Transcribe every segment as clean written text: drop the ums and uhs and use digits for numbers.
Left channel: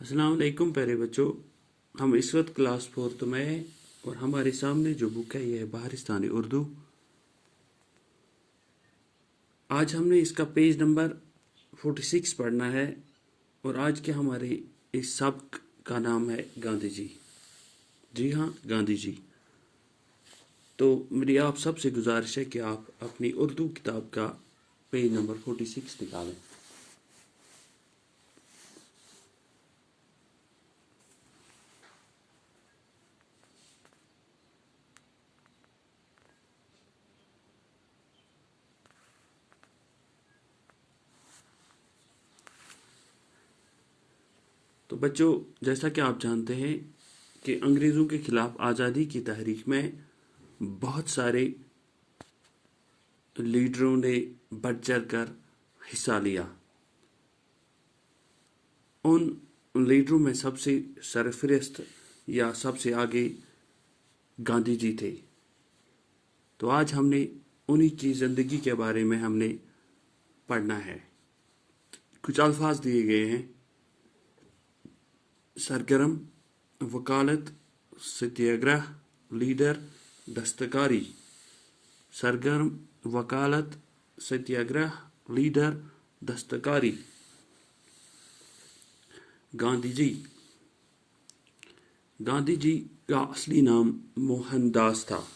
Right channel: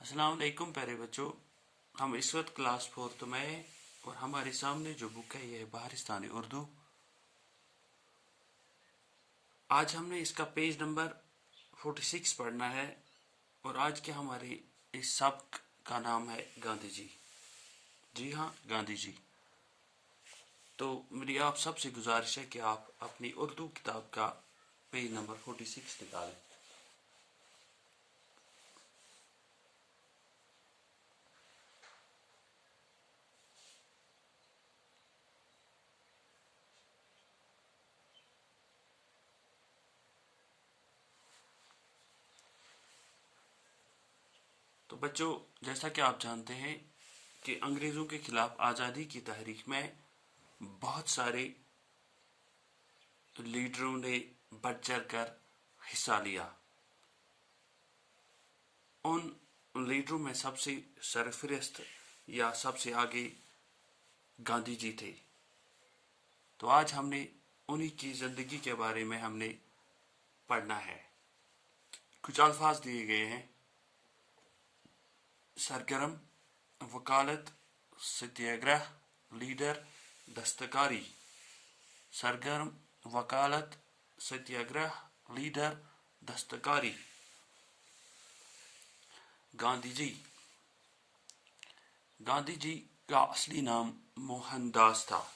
अस्सलाम वालेकुम प्यारे बच्चों। हम इस वक्त क्लास 4th में हैं और हमारे सामने जो बुक है ये है बहारिस्तानी उर्दू। आज हमने इसका पेज नंबर 46 पढ़ना है और आज के हमारे इस सबक का नाम है गांधी जी। जी हाँ, गांधी जी। तो मेरी आप सबसे गुजारिश है कि आप अपनी उर्दू किताब का पेज नंबर 46 निकालें। तो बच्चों, जैसा कि आप जानते हैं कि अंग्रेज़ों के खिलाफ आज़ादी की तहरीक में बहुत सारे लीडरों ने बढ़ चढ़ कर हिस्सा लिया। उन लीडरों में सबसे सरफहरिस्त या सबसे आगे गांधी जी थे। तो आज हमने उन्हीं की ज़िंदगी के बारे में हमने पढ़ना है। कुछ अल्फाज दिए गए हैं: सरगर्म, वकालत, सत्याग्रह, लीडर, दस्तकारी। सरगर्म, वकालत, सत्याग्रह, लीडर, दस्तकारी। गांधी जी। गांधी जी का असली नाम मोहनदास था।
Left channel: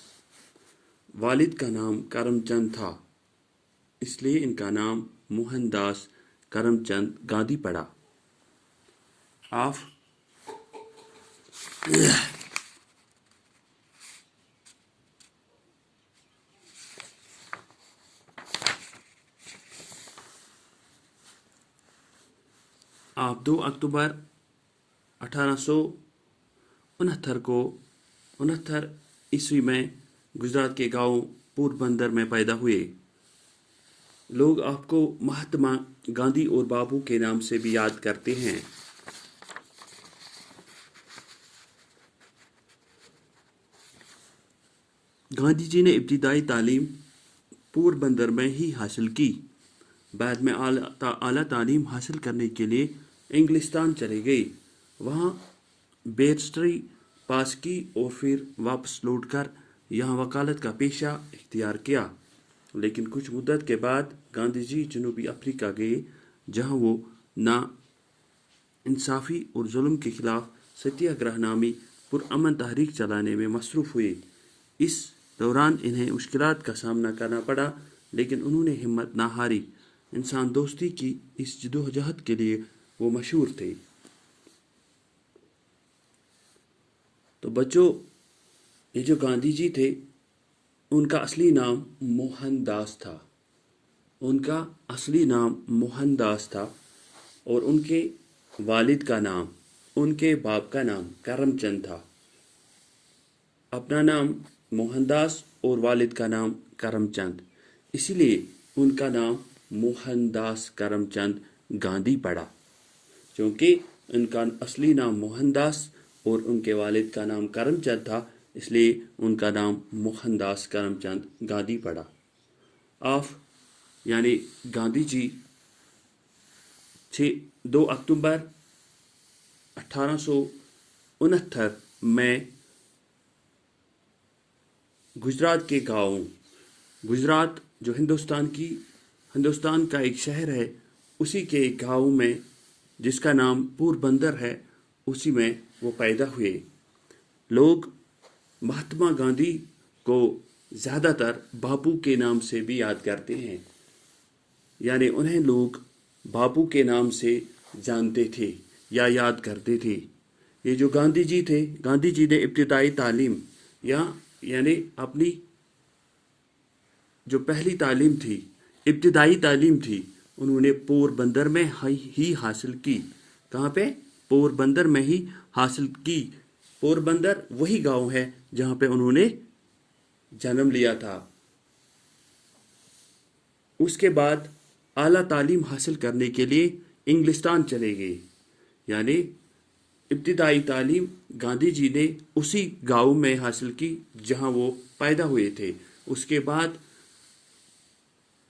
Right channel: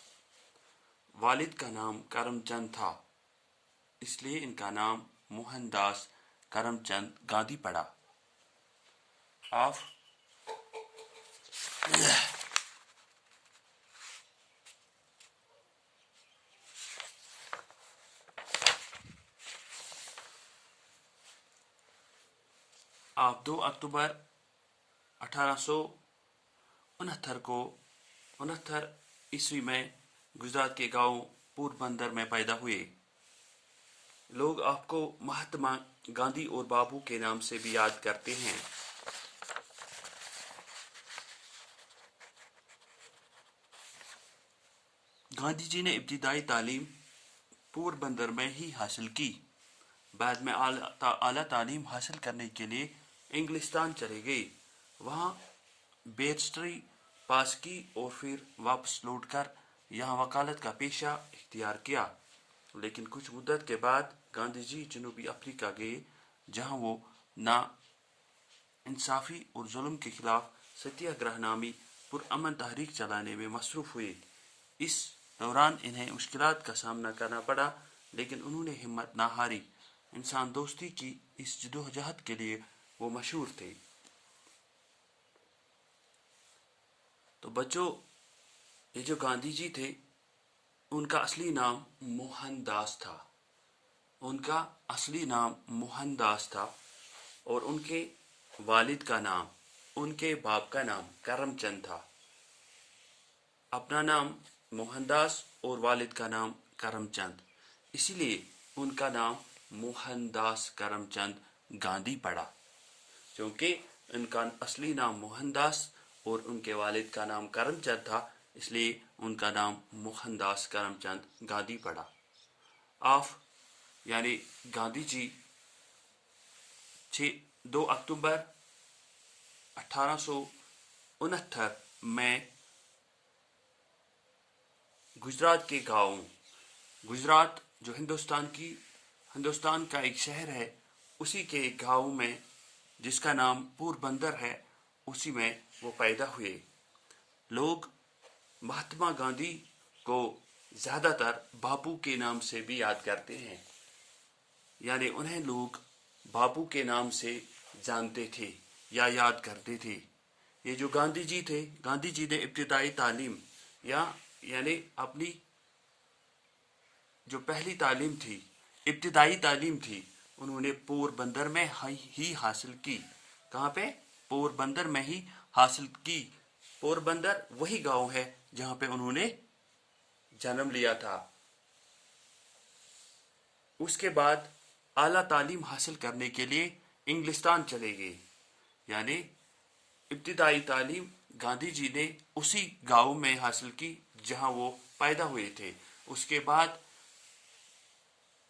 वालिद का नाम करमचंद था, इसलिए इनका नाम मोहनदास करमचंद गांधी पड़ा। आप आप 2 अक्टूबर 1869 को 69 ईस्वी में गुजरात के गांव पोरबंदर में पैदा हुए। लोग आपको महात्मा गांधी और बापू के नाम से भी याद करते हैं। गांधी जी ने इब्तिदाई तालीम पोरबंदर में ही हासिल की। बाद में आला तालीम हासिल करने के लिए इंग्लिस्तान चले गए। वहाँ बैरिस्टरी पास की और फिर वापस लौटकर यहाँ वकालत का पेशा इख्तियार किया। लेकिन कुछ मुद्दत के बाद गांधी जी जनूबी अफ्रीका गए, जहाँ वो ना इंसाफी और जुल्म के खिलाफ सत्याग्रह नामी पुरअमन तहरीक चलाने में मसरूफ हुए। इस दौरान इन्हें मुश्किलात का सामना करना पड़ा, लेकिन उन्होंने हिम्मत ना हारी। इंसान दोस्ती की इस जदोजहद के लिए वो मशहूर थे। तो बच्चों, ये जो गांधी जी थे, उनका असली नाम मोहनदास था। उनका असली नाम मोहनदास था और उनके वालिद का नाम, उनके बाप का नाम करमचंद था। अपना नाम मोहनदास और वालिद का नाम करमचंद, इसीलिए उनका नाम मोहनदास करमचंद गांधी पड़ा। क्योंकि उनका असली नाम मोहनदास और उनके वालिद का नाम करमचंद था, इसलिए उनका नाम मोहनदास करमचंद गांधी पड़ा। आप यानी गांधी जी 2 अक्टूबर 1869 में गुजरात के गाँव, गुजरात जो हिंदुस्तान का एक शहर है, उसी के एक गाँव में जिसका नाम पोरबंदर है, उसी में वो पैदा हुए। लोग महात्मा गांधी को ज़्यादातर बापू के नाम से भी याद करते हैं, यानी उन्हें लोग बापू के नाम से जानते थे या याद करते थे। ये जो गांधी जी थे, गांधी जी ने इब्तिदाई तालीम यानी अपनी जो पहली तालीम थी, इब्तिदाई तालीम थी, उन्होंने पोरबंदर में ही हासिल की। कहाँ पे? पोरबंदर में ही हासिल की। पोरबंदर वही गांव है जहाँ पे उन्होंने जन्म लिया था। उसके बाद आला तालीम हासिल करने के लिए इंग्लिस्तान चले गए। यानी इब्तिदाई तालीम गांधी जी ने उसी गांव में हासिल की जहां वो पैदा हुए थे। उसके बाद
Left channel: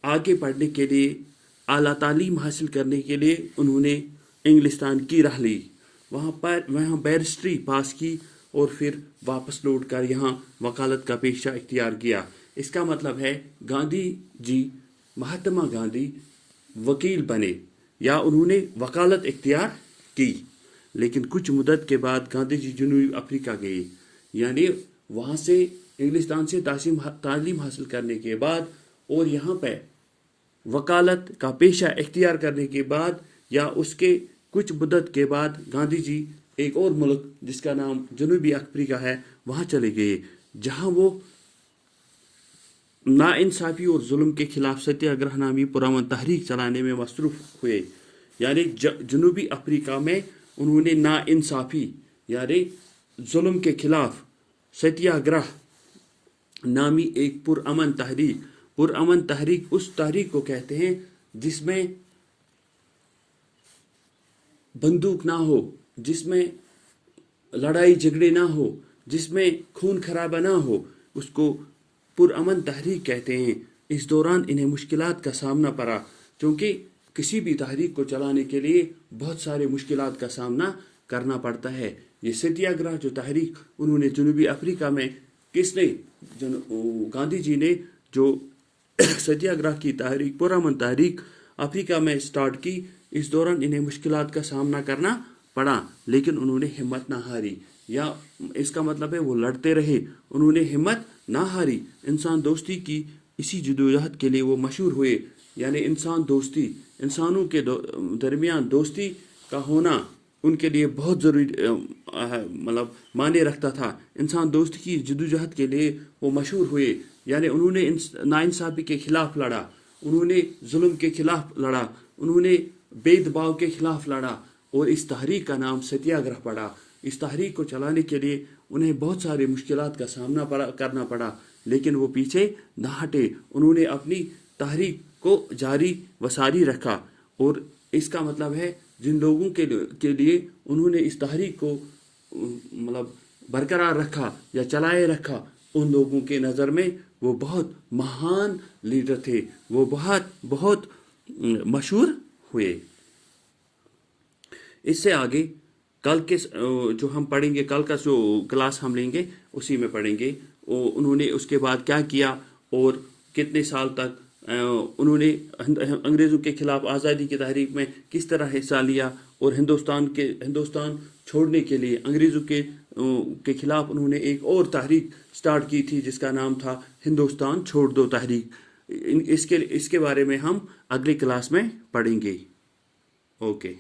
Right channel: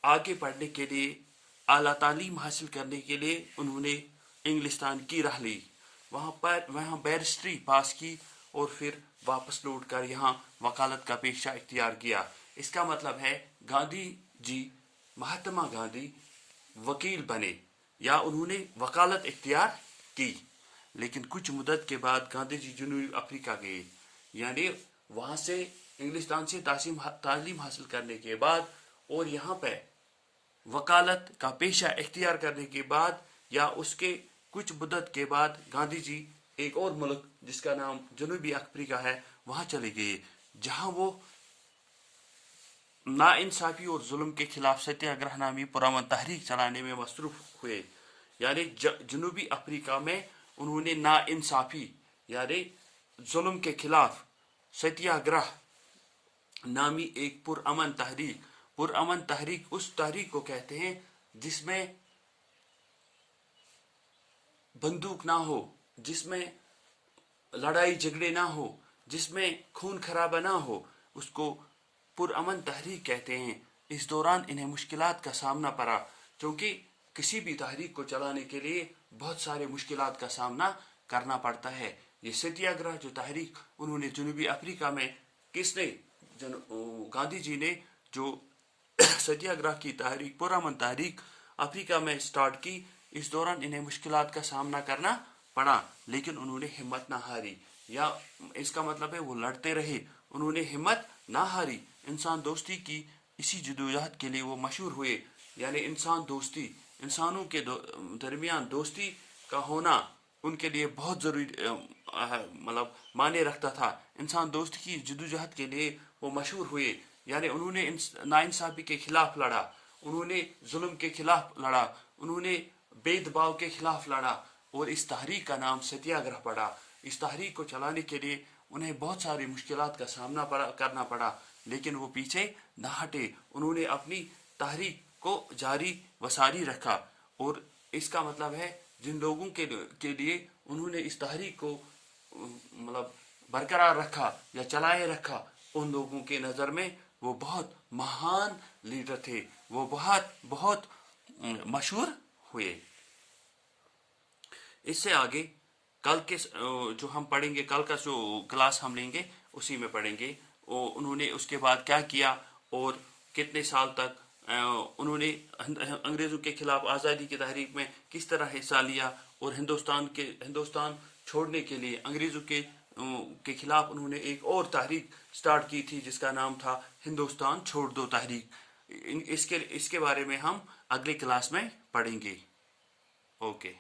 आगे पढ़ने के लिए, आला तालीम हासिल करने के लिए उन्होंने इंग्लिस्तान की राह ली। वहाँ बैरिस्ट्री पास की और फिर वापस लौट कर यहाँ वकालत का पेशा इख्तियार किया। इसका मतलब है गांधी जी, महात्मा गांधी वकील बने या उन्होंने वकालत इख्तियार की, लेकिन कुछ मुद्दत के बाद गांधी जी जनूबी अफ्रीका गए। यानी वहाँ से इंग्लिस्तान से तालीम हासिल करने के बाद और यहाँ पे वकालत का पेशा इख्तियार करने के बाद या उसके कुछ मुद्दत के बाद गांधी जी एक और मुल्क जिसका नाम जनूबी अफ्रीका है वहाँ चले गए, जहाँ वो नाइंसाफी और जुल्म के खिलाफ सत्याग्रह नामी पुरअमन तहरीक चलाने में मसरूफ हुए। यानी जनूबी अफ्रीका में उन्होंने नाइंसाफी यानी जुल्म के खिलाफ सत्याग्रह नामी एक पुरअमन तहरीक उस तहरीक को कहते हैं जिसमें बंदूक ना हो, जिसमें लड़ाई झगड़े ना हो, जिसमें खून खराबा ना हो, उसको पुरअमन तहरीक कहते हैं। इस दौरान इन्हें मुश्किलात का सामना पड़ा, क्योंकि किसी भी तहरीक को चलाने के लिए बहुत सारे मुश्किलात का सामना करना पड़ता है। ये सत्याग्रह जो तहरीक उन्होंने जनूबी अफ्रीका में गांधी जी ने जो सत्याग्रह की तहरीक पुरअमन तहरीक अफ्रीका में स्टार्ट की, इस दौरान इन्हें मुश्किलात का सामना करना पड़ा, लेकिन उन्होंने हिम्मत ना हारी। या इसका मतलब है वो लड़ते रहे, उन्होंने हिम्मत ना हारी। इंसान दोस्ती की इसी जदोजहद के लिए वो मशहूर हुए। यानी इंसानों के दरमियान दोस्ती का होना उनके लिए बहुत जरूरी मतलब मायने रखता था। इंसान दोस्ती की जदोजहद के लिए वो मशहूर हुए। यानी उन्होंने नाइंसाफी के खिलाफ लड़ा, उन्होंने जुल्म के खिलाफ लड़ा, उन्होंने भेदभाव के खिलाफ लड़ा और इस तहरीक का नाम सत्याग्रह पड़ा। इस तहरीक को चलाने के लिए उन्हें बहुत सारी मुश्किलात का सामना करना पड़ा, लेकिन वो पीछे न हटे। उन्होंने अपनी तहरीक को जारी व सारी रखा। और इसका मतलब है जिन लोगों के लिए उन्होंने इस तहरीक को मतलब बरकरार रखा या चलाए रखा, उन लोगों के नज़र में वो बहुत महान लीडर थे, वो बहुत मशहूर हुए। इससे आगे कल के जो हम पढ़ेंगे, कल का जो क्लास हम लेंगे उसी में पढ़ेंगे उन्होंने उसके बाद क्या किया और कितने साल तक उन्होंने अंग्रेज़ों के खिलाफ आज़ादी की तहरीक में किस तरह हिस्सा लिया और हिंदुस्तान छोड़ने के लिए अंग्रेज़ों के खिलाफ उन्होंने एक और तहरीक स्टार्ट की थी जिसका नाम था हिंदुस्तान छोड़ दो तहरीक। इसके बारे में हम अगली क्लास में पढ़ेंगे। ओके।